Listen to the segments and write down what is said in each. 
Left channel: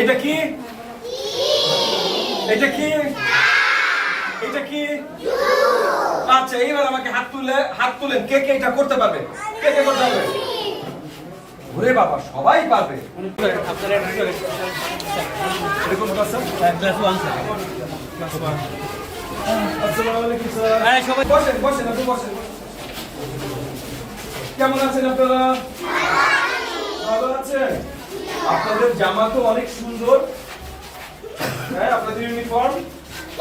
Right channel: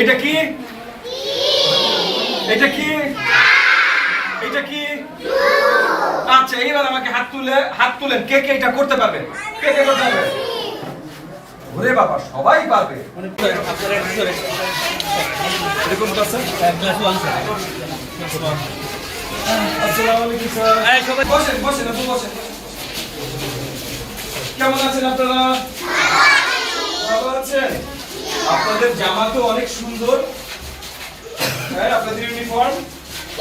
এটা কি? এটা কি? এটা কি? আচ্ছা, এইবার আমাকে হাত তুলেন। কে কে এটা করতে পারবে? কে কে করতে পারবে? ওরে বাবা, সবাই পারবে। এরকম পারছেন? আসসালামু আলাইকুম স্যার। বসেন বসেন, আপনি বসেন। কেমন আছেন আপনারা? ভালো আছেন? আপনাদের জামা তো অনেক সুন্দর। হ্যাঁ, আপনাদের ইউনিফর্ম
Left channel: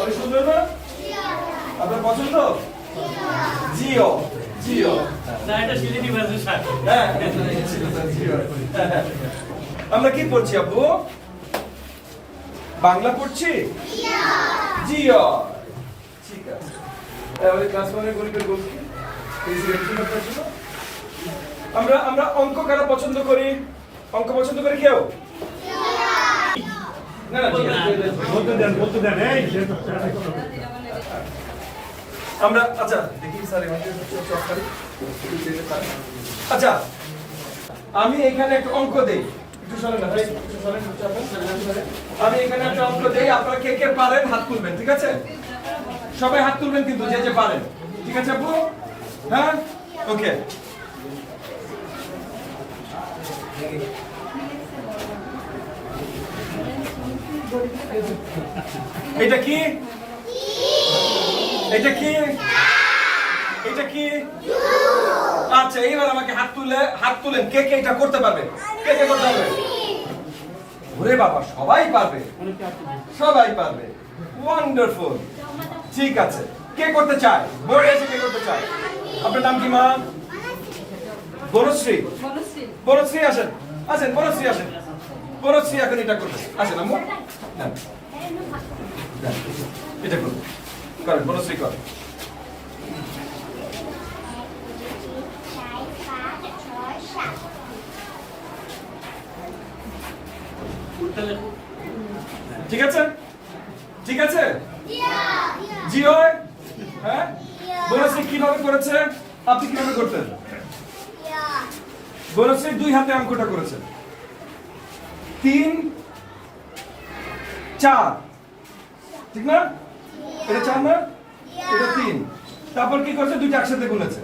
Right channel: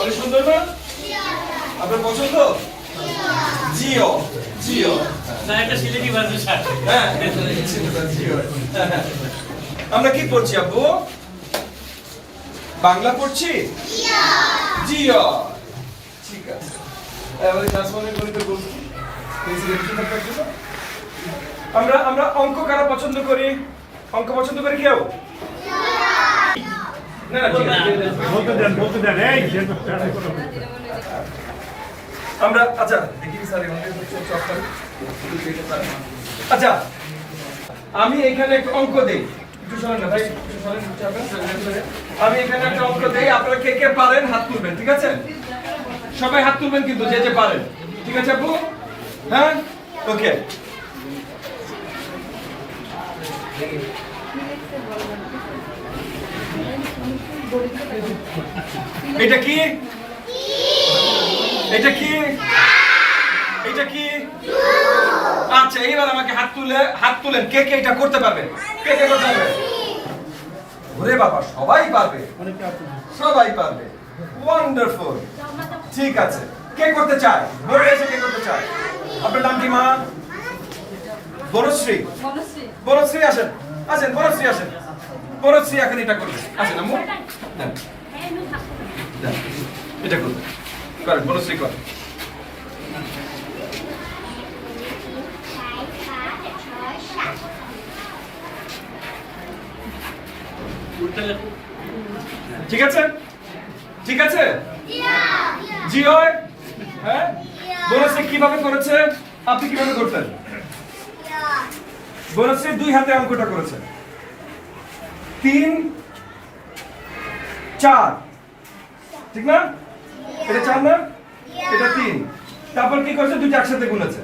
অনেক সুন্দর না? আপনার পছন্দ? জিও জিও। না, এটা সিলেটি ভাষার শার্ট। হ্যাঁ, জিও। আমরা কি পড়ছি আব্বু? বাংলা পড়ছি? জিও। ঠিক আছে। এবারে ক্লাস 1 এর গণিতের বই আমরা আমরা অঙ্ক কারা পছন্দ করি? অঙ্ক পছন্দ করি কেউ? না না, বলতে দেন এই আমরা আচ্ছা দেখি স্যার আচ্ছা, আমি এখানে একটা অঙ্ক দেই। একটু সরেন না ভাই, একটু সরেন, আমি এখানে একটা অঙ্ক দেই। আপনারা কে কে পারেন হাত তুলবেন, ঠিক আছে? সবাই হাত তুলবেন কিন্তু, যে যে পারেন, ঠিক আছে আপু? হ্যাঁ, ওকে। এটা কি? এটা কি? এটা কি? আচ্ছা, এইবার আমাকে হাত তুলেন। কে কে এটা করতে পারবে? কে কে করতে পারবে? ওরে বাবা, সবাই পারবে। সবাই পারবে। ওয়ান্ডারফুল। ঠিক আছে, কে করতে চায়? বোর্ডে এসে কে করতে চায়? আপনার নাম কি মা? বনশ্রী। বনশ্রী আসেন, আসেন বনশ্রী, আসেন। বনশ্রী এখন এটা করবে। আসেন আম্মু, দেন দেন, এটা করবে। করেন বনশ্রী, করেন। ঠিক আছে? ঠিক আছে? জিও। হ্যাঁ, বনশ্রী কিভাবে করেছে? আপনি কিভাবে করতেন? বনশ্রী 2 হাতে অঙ্কটা করেছে। 3 4, ঠিক না? এটা 4 না? এটা 3। তারপর কি করেছে? দুইটা একসাথে গুনেছে।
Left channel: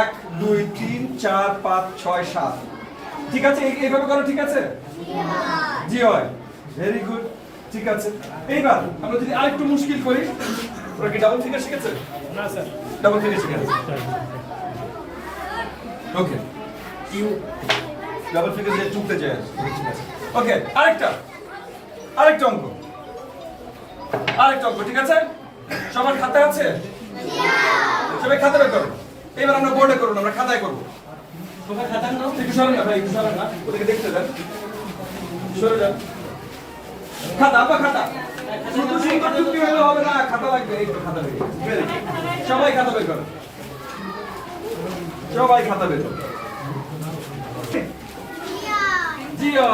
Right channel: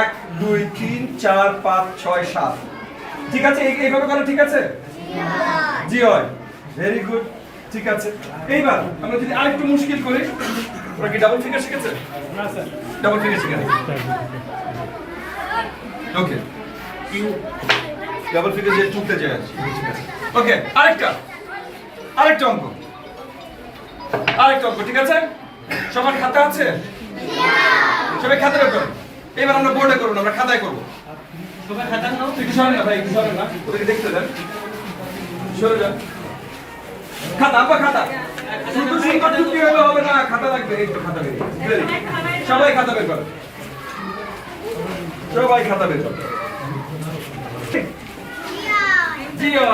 1 2 3 4 5 6 7। ঠিক আছে, এইভাবে করে, ঠিক আছে? জি হয়, ভেরি গুড। ঠিক আছে, এইবার আমরা যদি আরেকটু মুশকিল করি। ওরা কি ডাবল ফিগার শিখেছে? না স্যার, ডাবল ফিগার শিখেছে। ওকে, ডাবল ফিগার যে টুকতে যায়। ঠিক আছে, ওকে। আরেকটা অঙ্ক, ঠিক আছে? সবার খাতা আছে? সবাই খাতা বের করুন। এবার আমরা বোর্ডে করব, আমরা খাতায় করব। সবাই খাতা নাও। একটু সরেন না ভাই, একটু সরেন না, ওদেরকে দেখতে দেন। সরে যান। খাতা, আব্বা খাতা। শুধু সুন্দর টুকটি হলে হবে না, খাতা লাগবে। এই তো খাতা বের করুন। সবাই খাতা বের করুন। সবাই খাতা বের করুন। জিও।